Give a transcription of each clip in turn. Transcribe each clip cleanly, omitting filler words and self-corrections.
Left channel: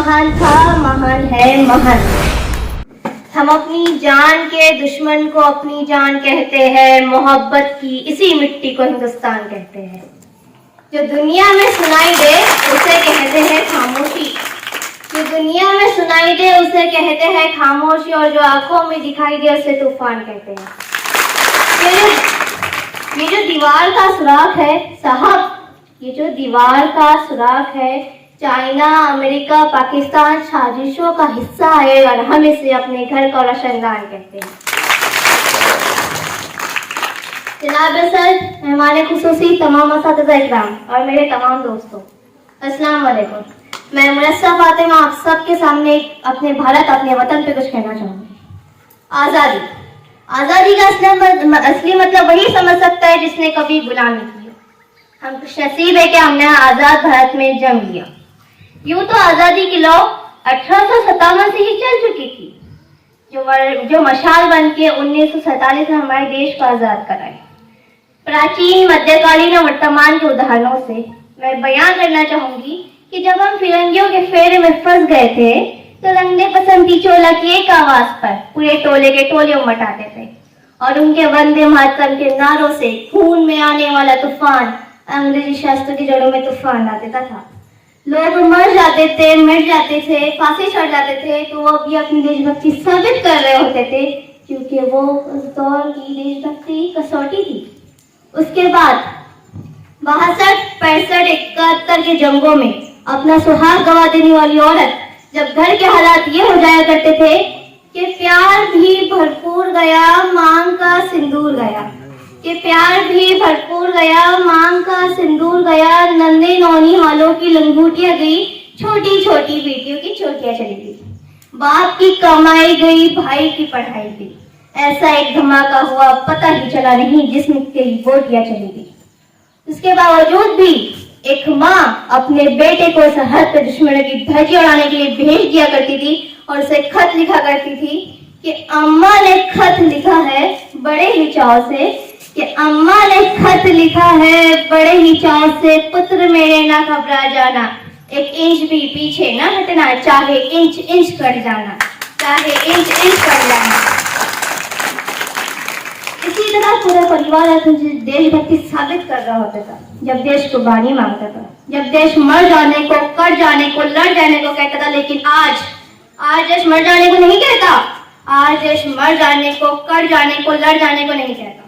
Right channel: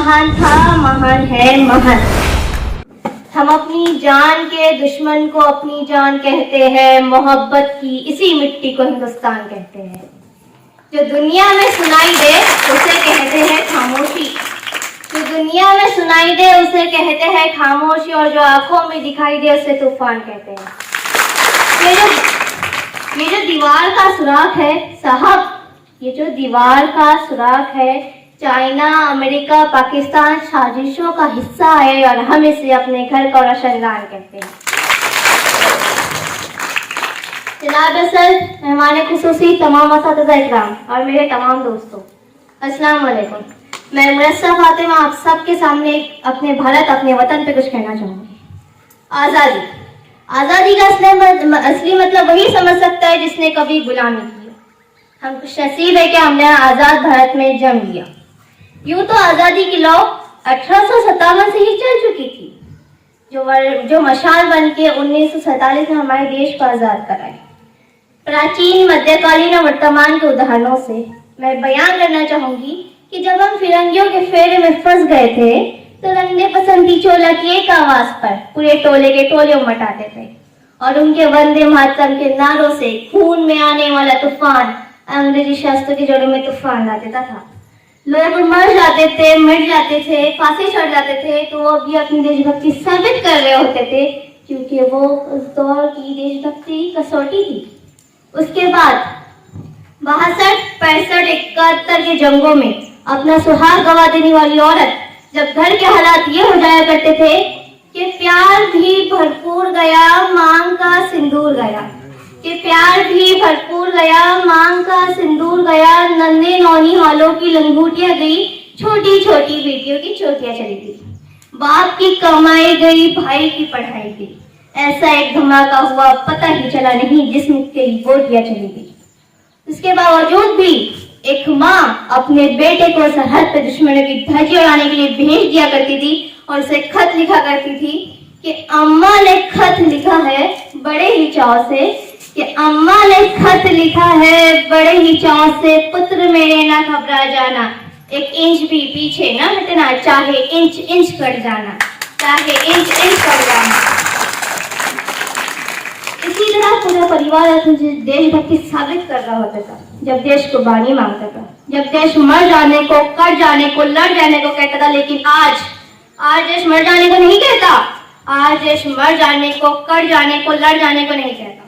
महान था, महान है, महान। हम अपनी जान के दुश्मन को अपनी जान कहते हैं, मोहब्बत की इसी मिट्टी को हिंदुस्तान कहते हैं। जो दुनिया में सुनाई दे उसे कहते हैं खामोशी, जो दुनिया में सुनाई दे उसे कहते हैं खामोशी, और जो आंखों में दिखाई दे उसे तूफान कहते हैं। ये जो दीवार का सुराख है साहब, ये जो दीवार का सुराख है, चाइना, अमेरिका, पाकिस्तान साजिशों का हिस्सा है, और हम इसे अपने घर का रोशनदान कहते हैं। जनाब सर, मेहमान खुसूसी, तमाम असातिज़ा इकराम और मेरे तमाम दोस्तों, अस्सलाम वालेकुम। मैं मुरस्सा फातिमा आप सबके सामने अपने भारत, अपने वतन पे कुछ कहना चाहूंगी। आज़ादी, आज़ादी का असली मतलब वही समझ सकता है जिसने कभी गुलामी की। हम खुश नसीब है कि हमने आज़ाद भारत में जन्म लिया। यूं तो आज़ादी की लौ 1857 से ही चल चुकी थी, जो मशाल बन के 1947 में हमारे देश को आज़ाद कराए। प्राचीन, मध्यकालीन और वर्तमान के उदाहरणों से मैं बयान करना चाहूंगी कि जब हम फिरंगियों के फेरे में फंस गए थे तो रंगने पसंदी चोला की एक आवाज पर पूरे टोले के टोले उमट आते थे, और उनके वंदे मातरम के नारों से खून में आने वाला तूफान अंग्रेजी शास्त्रों की जड़ों में तूफान ला देता था। लोग मर जाते थे, मिट जाते थे, फांसी चढ़ जाते थे, तो वो भी अपनी देशभक्ति साबित कर रहे होते थे, क्योंकि वो उस दौर की देशभक्ति कसौटी थी। उसके बाद 62, 65, 71 के जंगों में अपना सुहाग गवा देने वाली औरत, जब घर के हालात ये हो जाया करते थे कि प्यार भी भरपूर गया, मांग का सिंदूर गया, कि प्यार भी भरपूर गया, मांग का सिंदूर गया, नन्हे नौनी वालों की लंगूटियां गई, छोटी छोटी बेटियों की चोटियां चली गई, बाप की कमाई गई, भाई की पढ़ाई गई। ऐसा एक धमाका हुआ, पता ही चला नहीं जिसमें कई बोटियां चली गई। इसके बावजूद भी एक माँ अपने बेटे को सरहद पर दुश्मनों की धज्जी उड़ाने के लिए भेज दिया करती थी, और उसे खत लिखा करती थी कि अम्मा ने खत लिखा है बड़े ही चाव से, कि अम्मा ने खत लिखा है बड़े ही चाव से, पुत्र मेरे ना घबरा जाना, एक इंच भी पीछे ना हटना, चाहे इंच इंच कट जाना, चाहे इंच इंच कट जाना। इसी तरह पूरा परिवार अपनी देशभक्ति साबित कर रहा होता था जब देश को बानी मांगता था, जब देश मर जाने को, कट जाने को, लड़ जाने को कहता था। लेकिन आज देश मर जाने को नहीं कहता, आज देश मर जाने को, कट जाने को, लड़ जाने को नहीं कहता।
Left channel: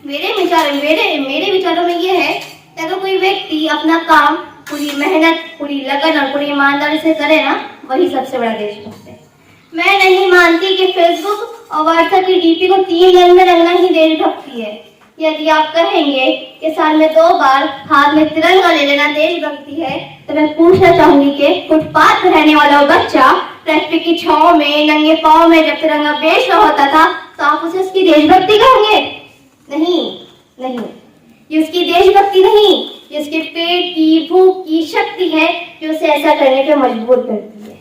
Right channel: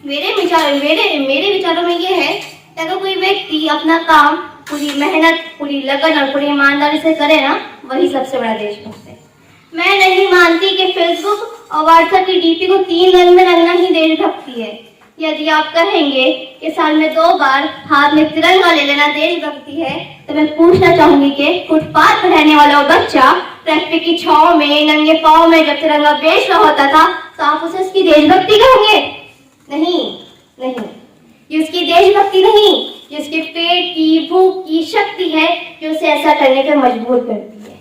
मेरे विचारों में ये है कि अगर कोई व्यक्ति अपना काम पूरी मेहनत, पूरी लगन और पूरी ईमानदारी से करे ना, वही सबसे बड़ा देशभक्त है। मैं नहीं मानती कि फेसबुक और व्हाट्सएप की डीपी को 3 रंग में रंगना ही देशभक्ति है। यदि आप कहेंगे कि साल में 2 बार हाथ में तिरंगा ले लेना देशभक्ति है, तो मैं पूछना चाहूंगी कि फुटपाथ पर रहने वाला बच्चा ट्रैफिक की छांव में नंगे पांव में जब तिरंगा बेच रहा होता था, तो आप उसे उसकी देशभक्ति कहेंगे? नहीं, ये उसकी देशभक्ति नहीं, ये उसके पेट की, भूख की शक्ति है जो उसे ऐसा करने के मजबूर करती है।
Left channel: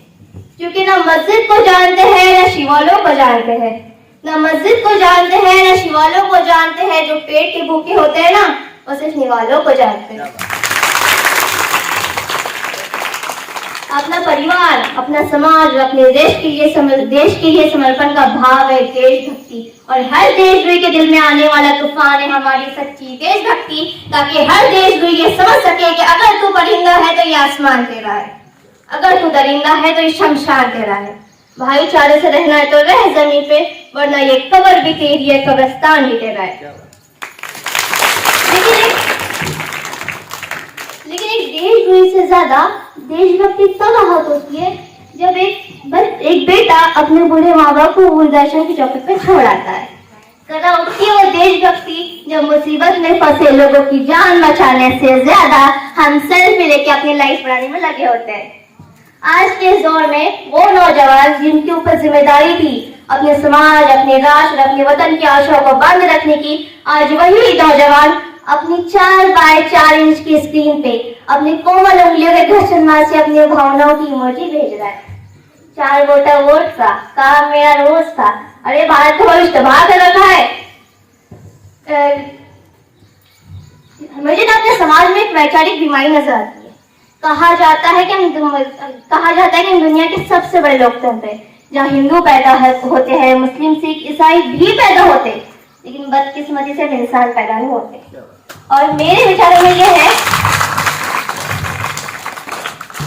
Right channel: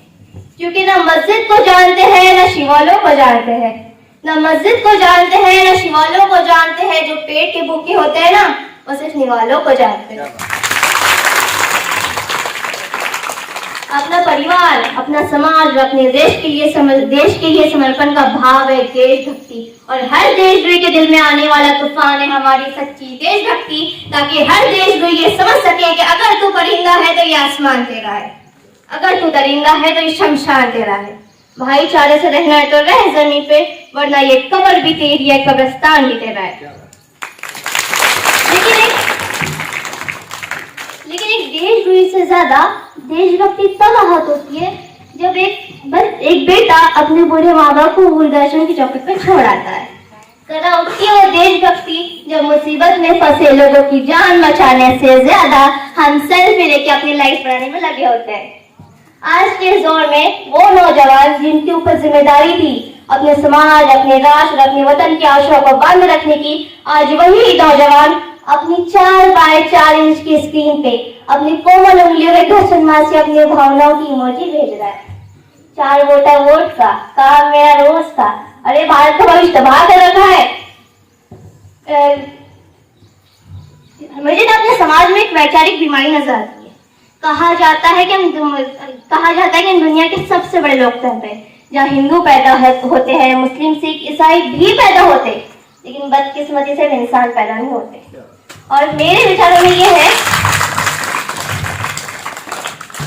क्योंकि ना मस्जिद को जानते हैं, ना शिवालों को जानते हैं, ना मस्जिद को जानते हैं, ना शिवालों को जानते हैं। जो पेट के भूखे होते हैं ना, वो सिर्फ निवालों को जानते हैं। अपना परिवार, अपना समाज, अपने देश के लिए समर्पण का भाव है देशभक्ति, और हर देशद्रोही के दिल में आने वाला तूफान है हमारी सच्ची देशभक्ति, ताकि हर देशद्रोही ये समझ सके कि अगर तू परिंदा है तो ये आसमान तेरा है, अगर तू दरिंदा है तो ये शमशान तेरा है। भाईचारे से रहना है तो रह जमीन पे, वरना ये कब्र भी तेरी है, कब्रिस्तान भी तेरा है। लेकिन एक देशद्रोही से ज्यादा देशभक्ति तब आहत होती है जब एक बेटा अपने बूढ़े माँ बाप को वृद्धाश्रम की चौखट पे छोड़ आता है। करा उठती है देशभक्ति जब मुसीबत में फंसे लोगों की जान बचाने से ज्यादा हम सेल्फी लेके अपनी लाइफ बनाने में लगे होते हैं। आज के दौर में वो नौजवान जिनके ऊपर जिम्मेदारी थी अपने समाज, अपने राष्ट्र, अपने वतन की आशाओं को बंद रखने की, आज वही नौजवान अपनी 4 बाय 4 इंच की स्क्रीन पे अपनी कोमल उंगलियों के घर्षण मार से अपनी भावनाओं की इमोजी भेज रहा है। 4 वोटा वोट का काम मेरा रोज था। अरे भारत का भविष्य तबाह कर रखा है। मुझे ना अपने समाज में एक वैचारिक बीमारी नजर आती है। कहा जाता है कि हम दुनिया के सबसे बड़े लोकतंत्र हैं, जहाँ हिंदू पैदा होते हैं, मुस्लिम, सिख, ईसाई भी पैदा होते, लेकिन बदकिस्मती से इंसान पैदा नहीं होते। और मेरे विचारों में ये है,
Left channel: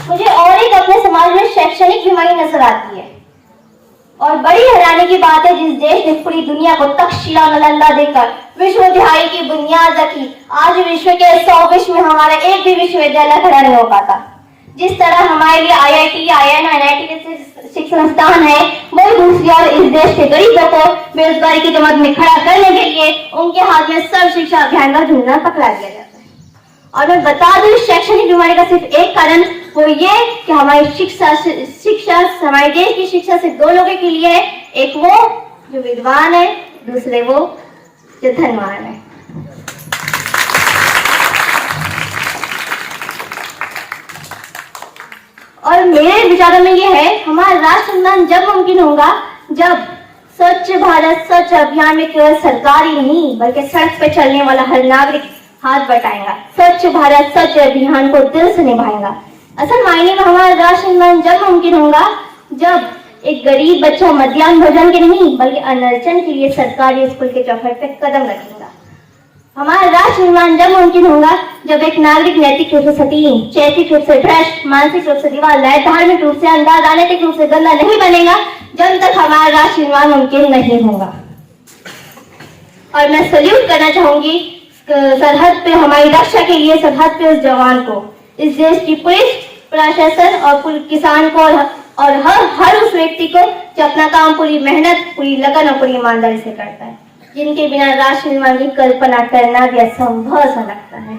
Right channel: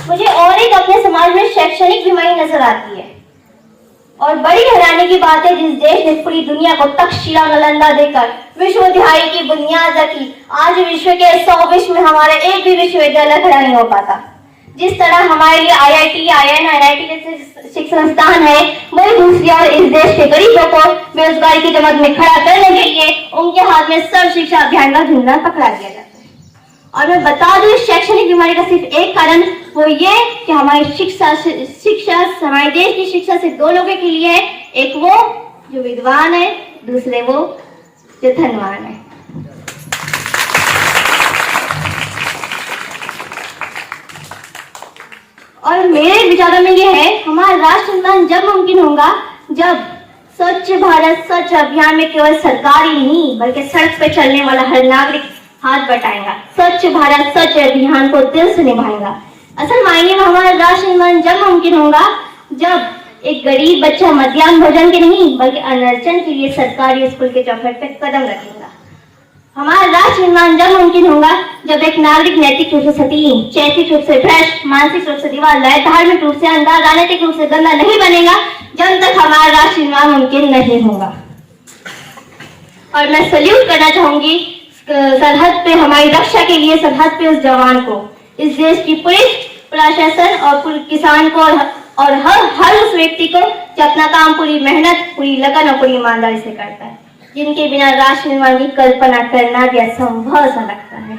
मुझे और एक अपने समाज में शैक्षणिक बीमारी नजर आती है। और बड़ी हैरानी की बात है, जिस देश ने पूरी दुनिया को तक्षशिला नालंदा देकर विश्वविद्यालय की बुनियाद रखी, आज विश्व के 100 विश्व में हमारा एक भी विश्वविद्यालय खड़ा नहीं हो पाता। जिस तरह हमारे लिए IIT, IIM, NIT जैसे शिक्षण संस्थान है, वही दूसरी ओर इस देश के गरीबों को बेरोजगारी की जमात में खड़ा करने के लिए उनके हाथ में सर्व शिक्षा अभियान का झंडा पकड़ा दिया जाता है। और मैं बता दूं, इस शैक्षणिक बीमारी का सिर्फ एक कारण वो ये कि हमारी शिक्षा हमारे देश की शिक्षा सिर्फ दो लोगों के लिए है, एक वो जो विद्वान है, दूसरे वो जो धनवान है। और मेरे विचारों में ये है, हमारा राष्ट्र निर्माण जब मुमकिन होगा जब स्वच्छ भारत स्वच्छ अभियान में केवल सरकार ही नहीं बल्कि सड़क पे चलने वाला हर नागरिक हाथ बटाएगा, स्वच्छ भारत स्वच्छ अभियान को दिल से निभाएगा। असल मायने में हमारा राष्ट्र निर्माण जब मुमकिन होगा जब एक गरीब बच्चा मध्याह्न भोजन के नहीं बल्कि अनर्चन के लिए सरकारी स्कूल के चौखट पे कदम रखेगा। हमारा राष्ट्र निर्माण जब मुमकिन होगा जब एक नागरिक नैतिक रूप से सतीन, चैतिक रूप से भ्रष्ट, मानसिक रूप से दीवारदार, धार्मिक रूप से अंधा, राजनीतिक रूप से गंदा नहीं बनेगा, जब तक हमारा राष्ट्र निर्माण मुमकिन नहीं होगा। और मैं सल्यूट करना चाहूंगी सरहद पे हमारी रक्षा के लिए सरहद पे उस जवान को, इस देश की पुलिस प्रशासन और किसान को और हर उस व्यक्ति को जो अपना काम पूरी मेहनत, पूरी लगन और पूरी ईमानदारी से करता है, जिनके बिना राष्ट्र निर्माण की कल्पना करना भी असंभव सा लगता है।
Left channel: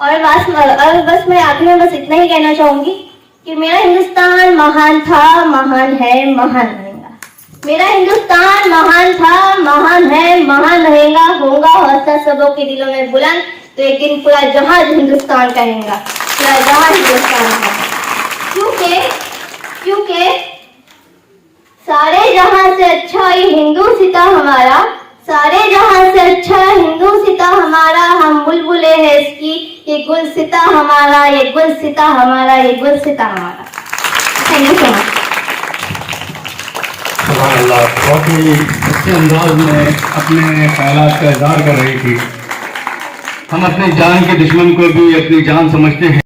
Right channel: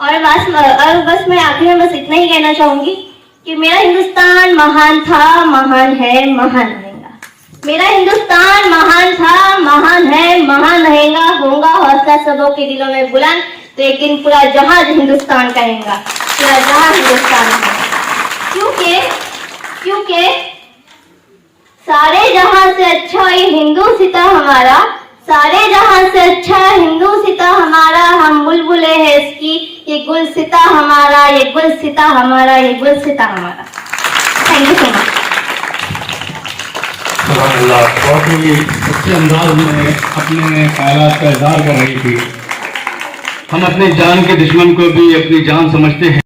और बस मैं आखिर में बस इतना ही कहना चाहूंगी कि मेरा हिंदुस्तान महान था, महान है, महान रहेगा। मेरा हिंदुस्तान महान था, महान है, महान रहेगा। होगा हौसला सबों के दिलों में बुलंद, तो एक दिन पूरा जहां हिंदुस्तान कहेगा, पूरा जहां हिंदुस्तान कहेगा। क्योंकि सारे जहां से अच्छा ये हिंदू सिता हमारा, सारे जहां से अच्छा हिंदू सिता हमारा, हम बुलबुले हैं इसकी, ये गुल सिता हमारा, ये गुल सिता हमारा, ये गुल सिता हमारा। Thank you so much. बहुत ही अच्छे अंदाज में अपने ख्यालात का इजहार कर रही थी। हम अपनी जान के दुश्मन को भी अपनी जान समझते हैं।